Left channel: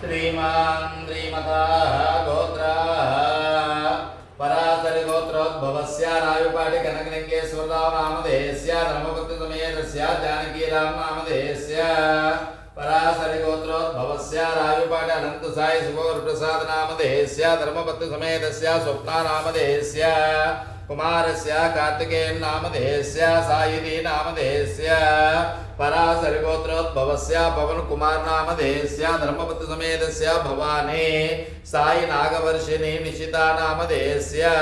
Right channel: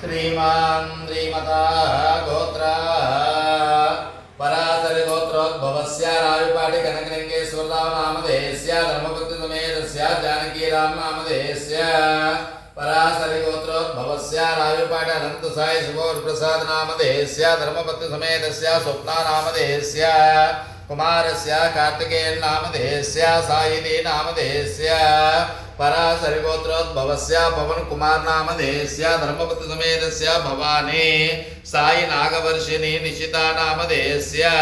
श्रीमान् श्रीमता गोत्रा पराशर गोत्रोद्भवस्य रायुपाटि कनकलिंगेश्वरराव नामधेयस्य धर्मपत्नी समेतस्य जानकीराम नामधेयस्य पराशर गोत्रोद्भवस्य रायुपाटि अनंत साई सुगोरप्रसाद नामधेयस्य धर्मपत्नी समेतस्य स्वप्ना नामधेयस्य कुमारस्य कार्तिकेयन नामधेयस्य सायिनी नामधेयस्य पराशर गोत्रोद्भवस्य पवन कुमार नामधेयस्य धर्मपत्नी समेतस्य भवानी साई नागवर्षिणी निशिता नामधेयस्य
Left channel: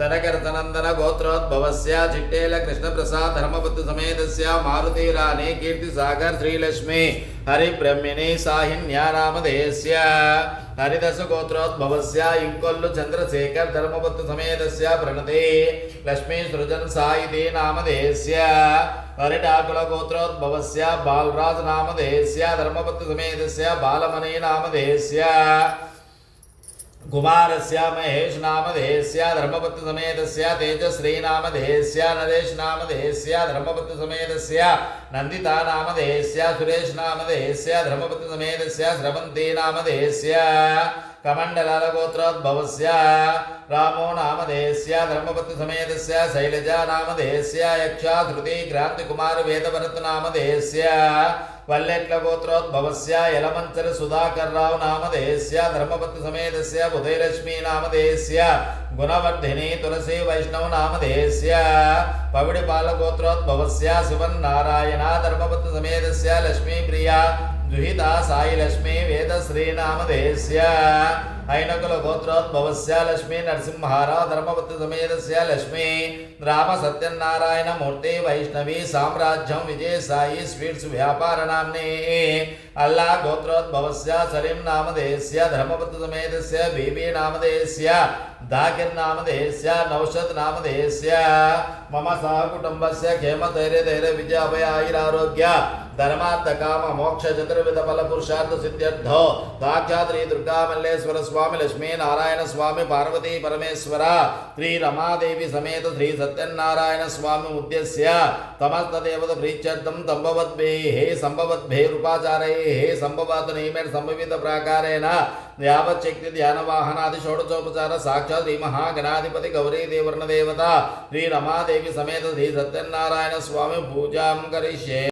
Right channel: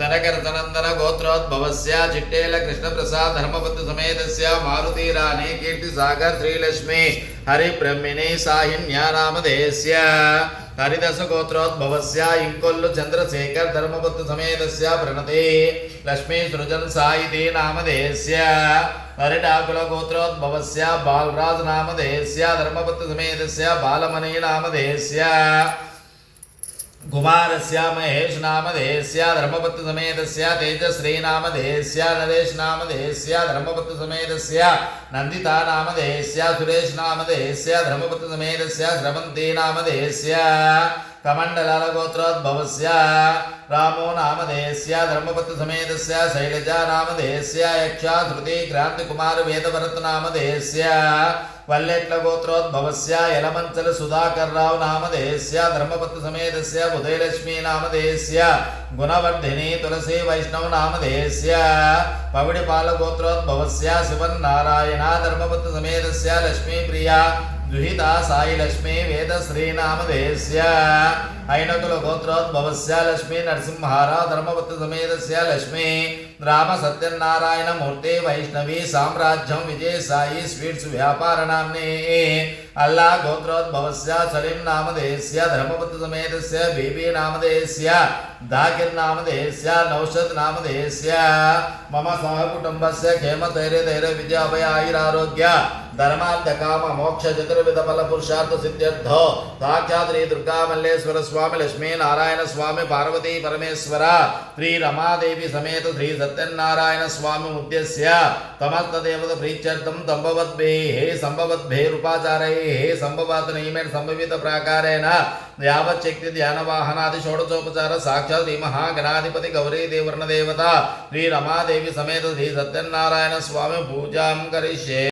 तनकरतनंदन गोत्रोद्भवस्य चिट्टेल कृष्णप्रसाद धर्मपत्नी समेतस्य मारुति रानी कीर्तिसागर श्रीलक्ष्मी हरिब्रह्मिणी साहिन्या नामधेयस्य हरिदस गोत्रोद्भवस्य इंकोल्लु चंद्रशेखर धर्मपत्नी समेतस्य प्रणते लक्ष्मी सृजन साई नामधेयस्य हरिटाकुल गोत्रोद्भवस्य बालराज नामधेयस्य धर्मपत्नी समेतस्य बालमणि नामधेयस्य कुमारस्य महेश नामधेयस्य धर्मपत्नी समेतस्य तेजश्री नामधेयस्य नरेश नामधेयस्य धर्मपत्नी समेतस्य नंदिता नामधेयस्य सुरेश नामधेयस्य धर्मपत्नी समेतस्य श्रवंती नामधेयस्य कमंडलाल गोत्रोद्भवस्य रामो नामधेयस्य धर्मपत्नी समेतस्य शैलजा नामधेयस्य यक्षा श्रुति क्रांति कुमार वेदभरत नामधेयस्य वल्लेट्ल गोत्रोद्भवस्य यलमंचल सुधाकर राव नामधेयस्य धर्मपत्नी समेतस्य बुधैलक्ष्मी नामधेयस्य गुणवर्धिनी तुलसी वैष्णव नामधेयस्य पविड़पाल गोत्रोद्भवस्य शिवन नारायण धर्मपत्नी समेतस्य लक्ष्मी प्रिया दुहिता साई लक्ष्मी वेदश्री नामधेयस्य ऐनकुल गोत्रोद्भवस्य लक्ष्मी नरसिंहराव धर्मपत्नी समेतस्य लक्ष्मी राम सत्यनारायण मूर्ति वैष्णवी साम्राज्यम विजय साई स्वीट्स व्यापार नाम्ने अल्लाह गोत्रोद्भवस्य सलीम नामधेयस्य धर्मपत्नी समेतस्य बीबी नामधेयस्य दाकिर नामधेयस्य नौषद नामधेयस्य मम सह कुटुंबस्य क्षेम धैर्य धैर्य विजय अभय आयुरारोग्य धर्मार्थ काम मोक्ष चतुर्विध फल पुरुषार्थ सिद्ध्यर्थ साक्षात् दुर्गा मल्लेश्वर स्वामी लक्ष्मी नारायण स्वामी पार्वती परमेश्वर श्री रमादेवी समेत श्री सत्यनारायण स्वामी उद्देश्य तमस्त देवता प्रीत्यर्थम संभवद्भे रूपाचारैः संभवात् नियमेन संभवित प्राकारेण यावत् शक्ति ध्यान वाहनादि षोडशोपचार साक्षात् श्री महागणाधिपति गौरी देवर्ण देवता श्री रमादेवी समेत श्री सत्यनारायण स्वामी पूजां करिष्ये।